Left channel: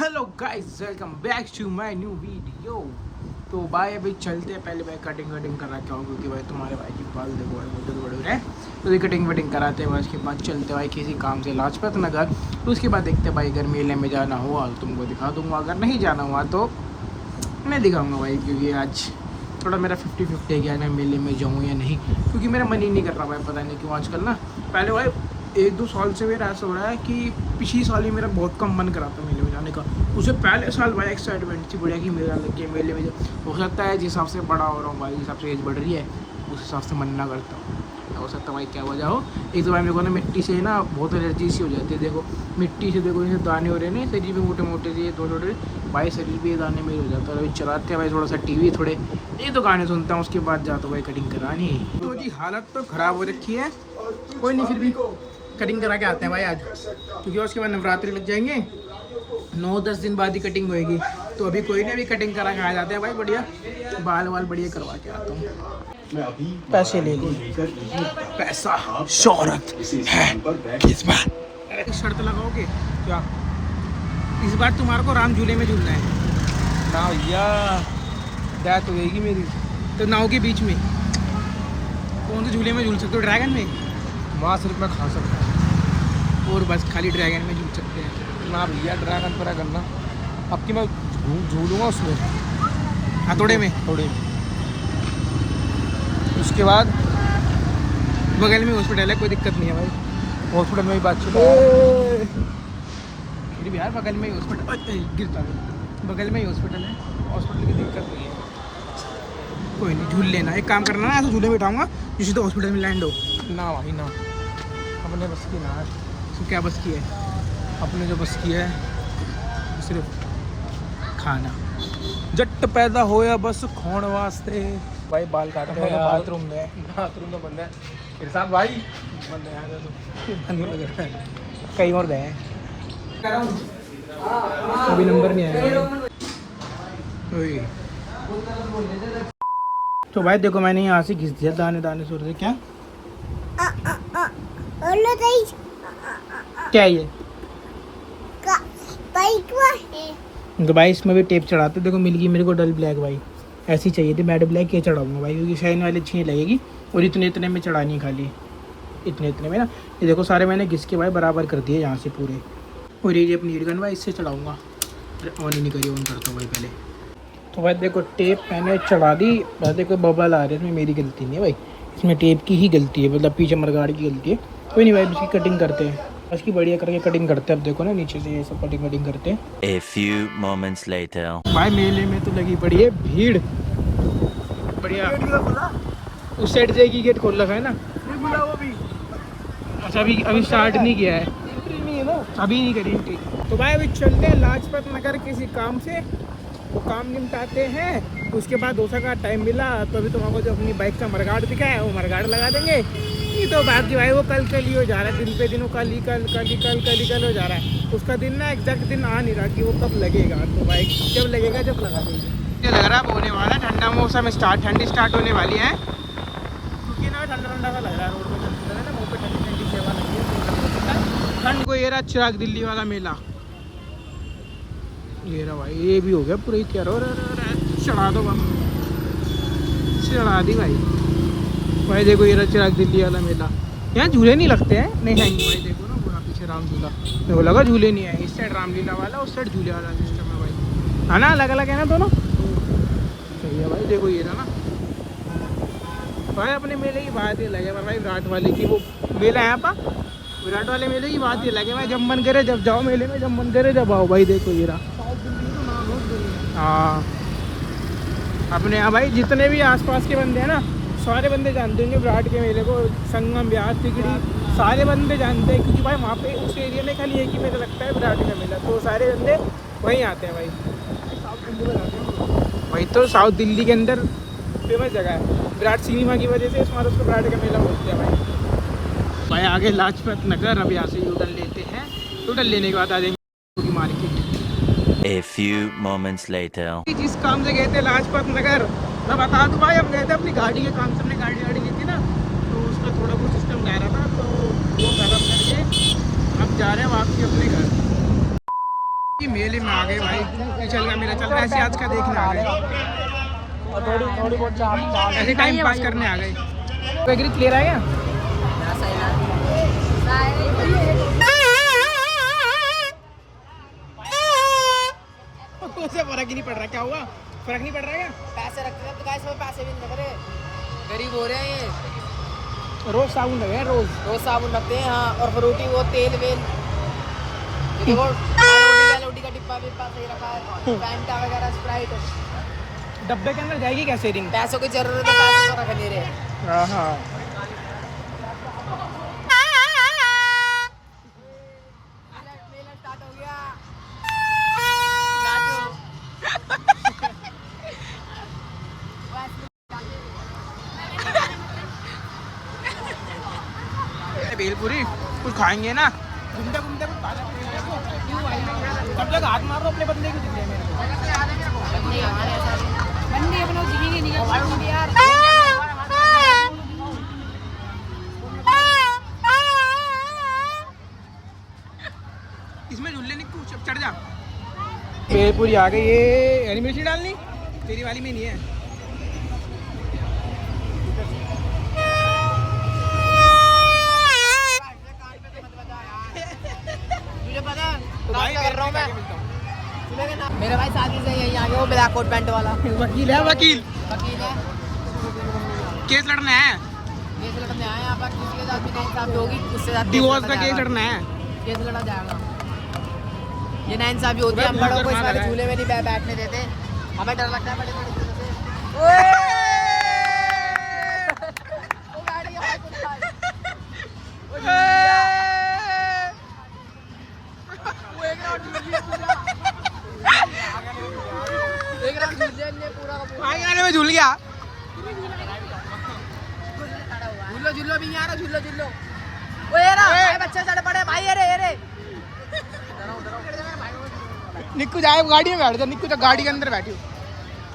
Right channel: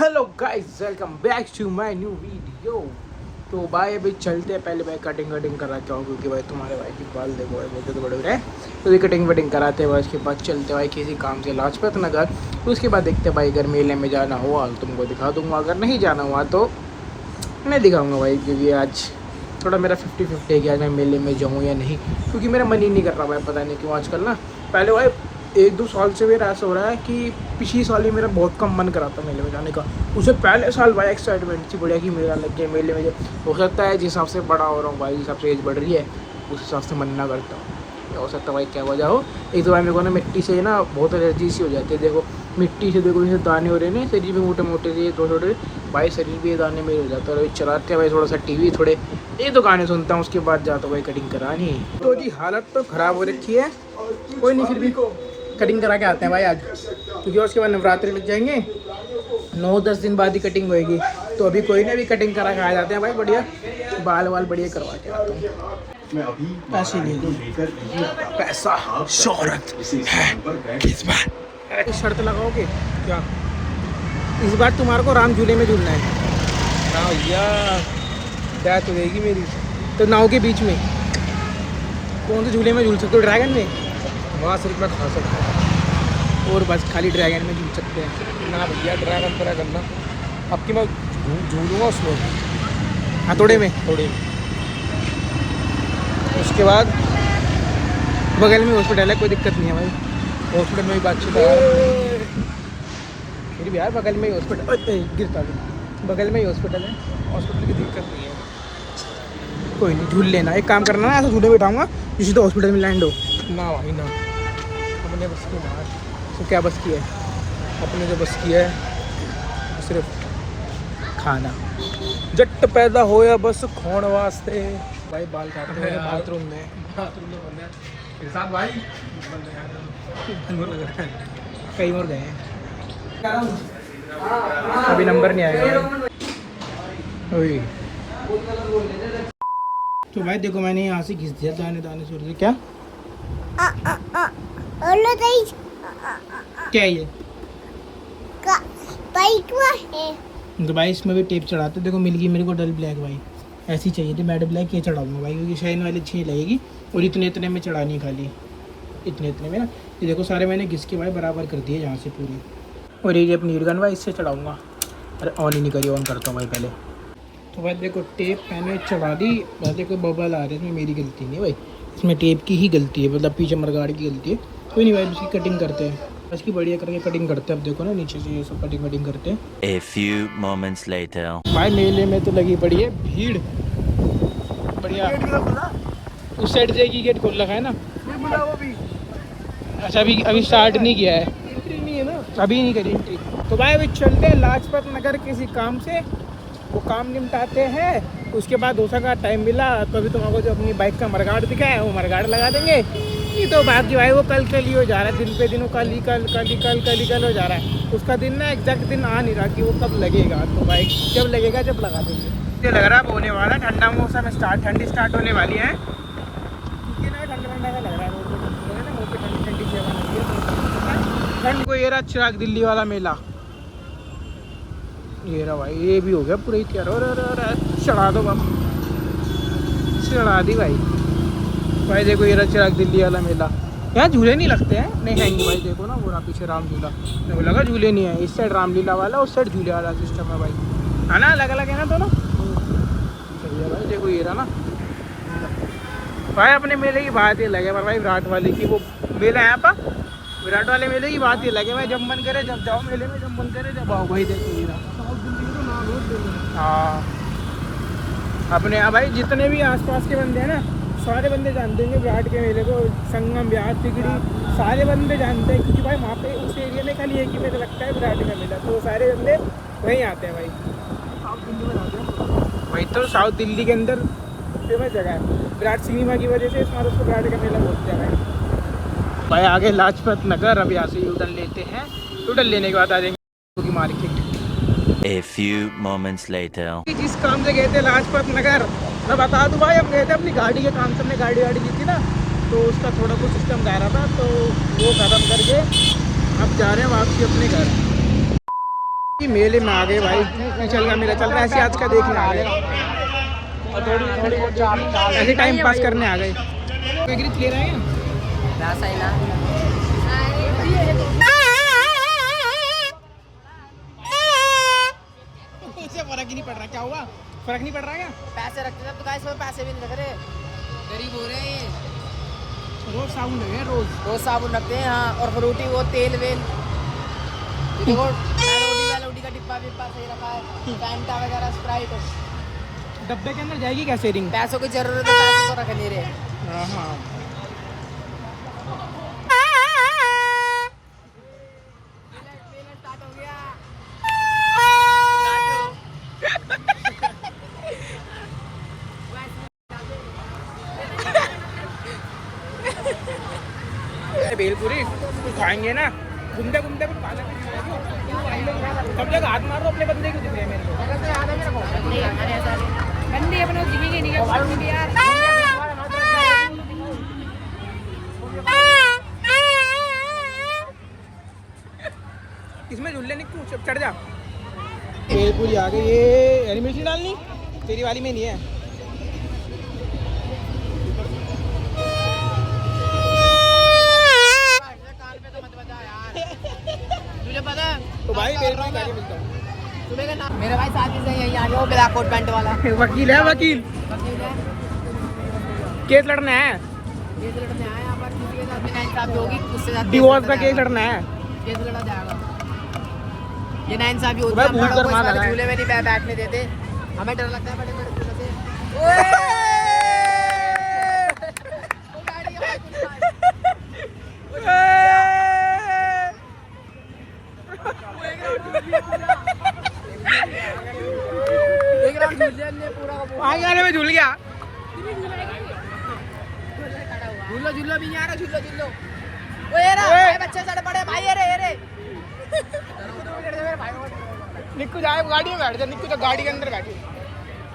Hello guys, welcome back to my new video. तो भाई अभी चलते हैं, पहले भाई कटिंग करा के आऊँ क्योंकि भाई तुम्हारे भाई के बाल देखो भाई बहुत बड़े बड़े हैं। तो ये कटिंग कराते हैं भाई, उसके बाद चलते भाई किसी काम से लाजपत नगर। तो उसके बाद देखते हैं भाई, अगर मेले में जाना हुआ तो तुमको दिखा दूँगा, अगर नहीं जाना हुआ तो मैं दिखाऊँगा भाई। क्योंकि आज थोड़ा मेरा 50-50 है कि आज मैं मेले में जाऊँ या नहीं, क्योंकि मेरा मन ही नहीं कर रहा भाई, पता नहीं क्यों आजकल ना। पहले भाई 1-2 साल से मेरा ऐसा हो रहा है कि पिछली साल ही मेरा बहुत कम मन करा था मेले में जाने का। उससे पहले साल भाई एक्साइटमेंट थी बढ़िया कि मेरा लग गया मेले में। हो सकता है जिस हिसाब से बड़ा हो रहा हूँ भाई, जिस हिसाब से एज बढ़ रही है उस हिसाब से मन ना करता हूँ। हो सकता है भाई क्या वजह हो। एक तो भाई मेरे को ना मिट्टी से ना बहुत एलर्जी सी हो जाती है। देखो मिट्टी से, देखो जैसे दाने हो रहे हैं शरीर में, मोटे मोटे से छोटे भाई, शरीर भी ये दाने में हो जाता है। और अभी चलाते हैं भाई थोड़ा सा टीवी, थोड़े एक दो गाने सुनता हूँ, उसके बाद जाता हूँ भाई कटिंग करानी। तो जी हालत तो ख़राब हो रखी है, कोई नहीं फिर भी कटिंग करा के आते हैं भाई आज, क्योंकि उसके बाद नवरात्रि लग जाएंगे, 9-10 दिन बाद ही कटिंग होएगी। तो अभी कोई नहीं, अभी कटिंग करा के आ जाते हैं भाई, बढ़िया बाल वाल बढ़िया करवा के आता हूँ। पैसे ले लो, पैसा शोहरत है किस बार। एक शर्त लगाओगे क्या, इस बार तुम्हारे को राम झूले में झूलना है ना भैया, बैठ हो जाएगी मेरी। तो नाव के बीच में कौन से झूले में झूल सकते हो? ड्रैगन में, वहाँ सिर्फ मैं खा सकता हूँ और बस खाली ड्रैगन में झूल सकते हैं ना भैया। ड्रैगन पर करना, अब कि मैं झूलूँगा उसमें हथौड़े में, थोड़े में। उसके बाद बगल में हॉस्पिटल है, कोई दिक्कत नहीं है भाई, हॉस्पिटल में भी बातचीत है। फिर भी यार बगल में ही हॉस्पिटल, गिरता था, बगल में ही हॉस्पिटल है, हॉस्पिटल की दिक्कत नहीं है। कोई नहीं, झूल लेना। एक काम करना ना, ऐसा झूले बैठाऊँगा जिससे तो हॉस्पिटल में लैंड हो ना भाई ना। अपने बस की ना है तो क्या बस की है, अपने जो बस की है सिर्फ खाना। जट पैदा होया बस खोण वास्ते। भाई बाल काटते हैं बाथरूम में, बाथरूम तो बंद है फिर साथ भाई, बंद है कहीं और गए हैं, अभी नंबर नहीं आएगा। तो भाई देखो मैंने यहाँ से घिस दिया दाने दाने सुर से। क्या क्या ये तो भाई इसमें भी टेप चढ़ाते, देखो मिल गई मेरे को डल ब्लैक भाई, ऐसी चाहिए थी मैट ब्लैक, ये चढ़ाऊंगा भाई क्योंकि शाइन वाली अच्छी लगेगी। और इतने में चढ़ानी खाली, इतने में ना। ये देखो सारे मैंने घिस के भाई बराबर कर दिए यहाँ से पूरे। और ये अपनी हीट गन भाई इससे चढ़ाऊंगा। अरे ऑन ही नहीं करी, ऑन करता हूँ भाई पहले। तो भाई देखो टेप मैंने चढ़ा दी, बस देखो बबल आ रहे हैं, इसमें मेरी गलती नहीं है भाई, इसमें टेप की ही गलती है, मतलब पीछे मरगाड़ की गलती है। कोई नहीं भाई, इसकी कटिंग करते हैं, इसकी बढ़िया करके कटिंग करते हैं। अब देखो ना नीचे से ये सब कटिंग करते हैं। A few moments later. भाई मेले में तो लगी पड़ी है भीड़ बढ़िया। उस साइड से गेट खोल रखा है ना, अच्छा अभी स्टार्ट नहीं किया है, अभी नहीं करी एंट्री। तो भाई अभी चलते हैं लाजपत नगर किसी काम से, वो काम निपटाते हैं। उसके बाद डोसा का टाइम मिला तो अभी तुमको जो अपनी बाइक का मरगाड़ दिखा है वो मरगाड़ लगा देंगे। नहीं तो बाकी भाई वो कल ही हो जा रहा है, दिन पे दिन वो कल ही हो जा रहा है। उसका दिन ना एग्जैक्ट दिन आ नहीं रहा कि वो कब लगेगा। तो बाइक जब लगेगा जब लगा देंगे। मुझे लग रहा है होने वाला ठंडा मौसम ठंडी स्टार्ट होने वाली है, क्योंकि ना ठंडा सा लग रहा है ना, मुँह पे ठंडी सेवा लगी है ठंड को। ये रहा चिराग दिल्ली वाला मेला, ये रहा भाई, ये भी हो गया पूरा ही तैयार। और चढ़ा दो बम, चढ़ा दी भाई। भाई देखो ये रहा चिराग दिल्ली वाला मेला, यहाँ झूले नहीं लगते हैं, नहीं आएंगे भाई। देखो ना पूरा पीछे रामलीला, मेरे को लगा झूले नहीं है, इस साइड रामलीला वाला, उस साइड झूले वाला सिस्टम है भाई, है ना, अलग अलग है ना दोनों। सही है भाई, देखो ये रहा ना भाई। अपने मेले की बात ही अलग है भाई, विराट वाले की वो मेला है पर विराट वाले मेले की बात ही अलग है भाई। जब मन करे जब जाओ मेले में, जब मन करे जब आओ भाई। देखो ये रहा हाँ, अपने यहाँ भाई जितने भी आसपास के बंदे हैं ना, सारे बंदे जानते होंगे विराट के मेले को। संगम, ब्यास, तिगड़ी, सारे बंदे जानते हैं, क्योंकि भाई वहाँ पे उस एरिया में खाली एक ही मेला लगता है विराट का मेला, तो सारे बंदे वहीं आते हैं भाई। वही तो साउथ दिल्ली के अंदर फेमस जगह है, विराट सिनेमा की वजह से इस बार उसको विराट का मेला बोलते हैं भाई। आगे लाजपत नगर, अब यहाँ से यूटर्न लेते हैं, यूटर्न लेने के बाद आ जाएंगे market. A few moments later. जिस काम से गए थे लाजपत नगर, मैं बता दूं भाई, हम गए थे अपनी गाड़ी के काम से, हमने गाड़ी ली थी ना, तो उसका थोड़ा कुछ सिस्टम जा रहा था, तो वो खत्म करके अब जा रहे हैं वापसी अपने घर। कि मेले में आ गए भाई, चल का मेला चल रहा है, ऐसे आज का देखने आ गए, ऐसे टाइम पास करने आ गए। एग्रीज ले रहा है क्या? उसे फर्क ही नहीं पड़ रहा, क्या हुआ? फर्क नहीं पड़ रहा क्या? पैसे रखते हैं तो गाइस में पैसे भी नहीं लग रहे, गरीब हो रहे हैं ये। रोज साबुन लगे हैं, रोज साबुन रखते हैं हाँ, और फ्रूटी वो तेल वेल रोटी का डिब्बा सही रखा है, फैंटा वगैरह स्प्राइट। डब्बे के अंदर जाएगी क्या सेविंग? पैसों की जरूरत है, पैसे तो रख नहीं रहे। हाँ भेलपुरी कुछ खाएंगे ना, घूमते घूमते कुछ खा सकते हैं। सब जगह हाथ मारो अपने बंदे को, दिख रहे हैं मेरे को। इसमें झूले नहीं, कुछ चढ़ जा। भेलपुरी आ गई, ये हरी मिर्ची डालनी तेरी वाली में नहीं है। तो भाई मेरे को आगे मिलता हूँ। मेरा भाई साथी से यहीं आ गया, वो ब्लैक कोट पैंट वाला वकील है, वकील है। केस लड़ना है, केस लड़ने आए यहाँ पर, किसी के साथ भी नाइंसाफी होगी उससे साथ डिवोर्स का केस लड़ना है, केस लड़ा जाएगा। ये नाइंसाफी होती है, बड़ों को इस वाले झूले में नहीं बैठने देते, हमें डर लगता है बड़े बड़े झूले से। आगे में झूल गया, झूलो भी नहीं आ रहा, झूलो वो ये रहा बच्चे चढ़ पड़े भाई, अरे निक्कू जाए गाड़ी में बैठ जा, निक्कू तो गाड़ी के अंदर बैठी,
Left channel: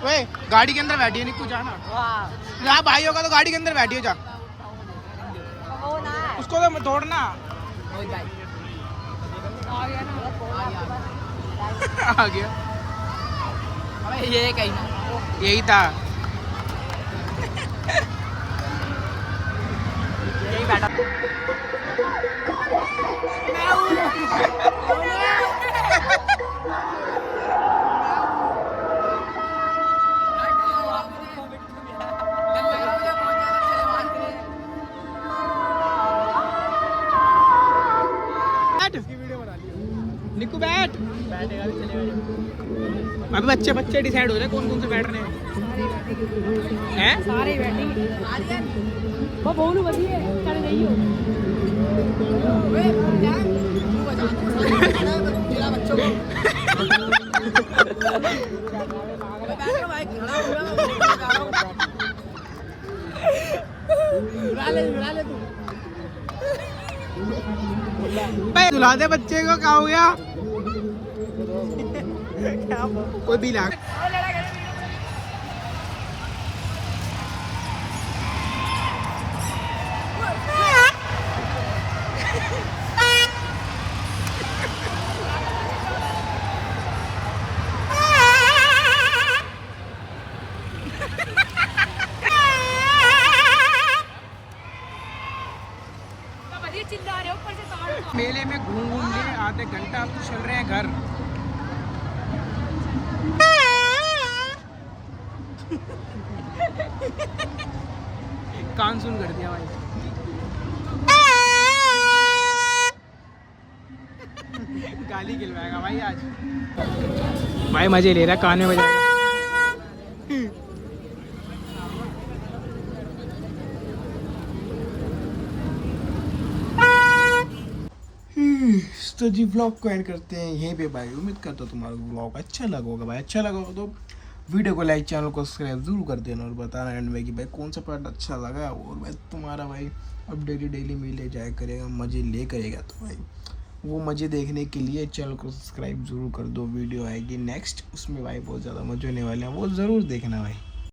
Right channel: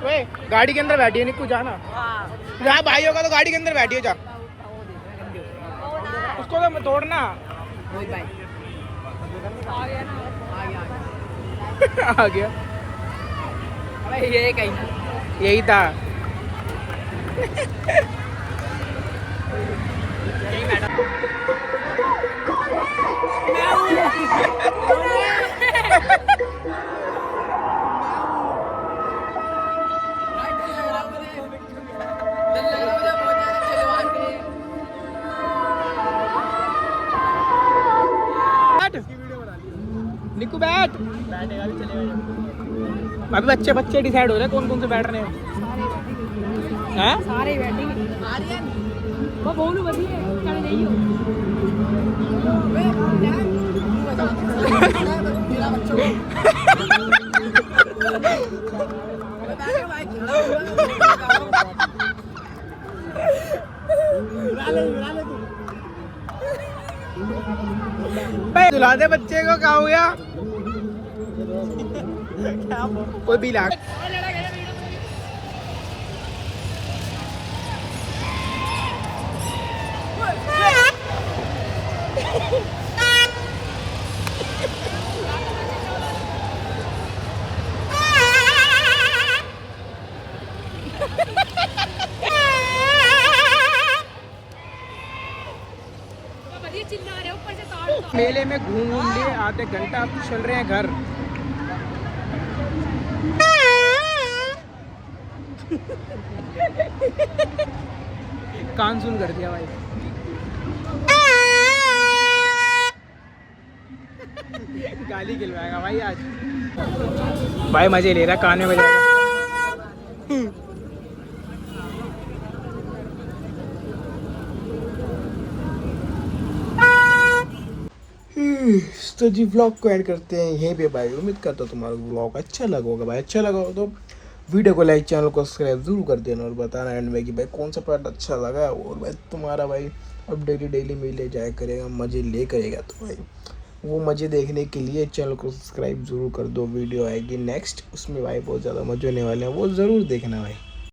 ओए गाड़ी के अंदर बैठी है निक्कू, जाना जहाँ भाई होगा तो गाड़ी के अंदर बैठी हो जा, उसको तो तोड़ना। आ गया, ये कहीं ना यही था। निक्कू बैठ, अभी बच्चे डिसाइड हो रहे हैं कौन कौन से बैठ रहे हैं, सारे बैठेंगे। वो बोलू बढ़िया चल नहीं हो वे क्या तू बता मेरा बच्चों को बैठे भाई खड़ा हुआ उड़ा ले तू भाई दुला दे बच्चे को, क्या हो गया? कोई भी लाग मेले में घूम लिए आधे घंटा, अब चल रहे हैं घर। कान सुन कर दिया भाई। गाली खिलवाएगा भाई आज, भाई मजे ले रहा, कान में बजाएगा। तो जी व्लॉग को एंड करते हैं यहीं पे भाई। उम्मीद करता हूँ तुम्हारा व्लॉग अच्छा लगा होगा भाई। अच्छा लगा हो तो वीडियो को लाइक, चैनल को सब्सक्राइब जरूर कर देना और बताना एंड में कि भाई कौन सा पार्ट अच्छा लगा। और भाई तुम्हारा भाई अब डेली मिले जाया करेगा, मज़े ले करेगा, तो भाई वो मज़े देखने के लिए चैनल को सब्सक्राइब जरूर कर दो। वीडियो आएगी नेक्स्ट, उसमें भाई बहुत ज़्यादा मज़े होने वाले हैं, वो ज़रूर देखना भाई।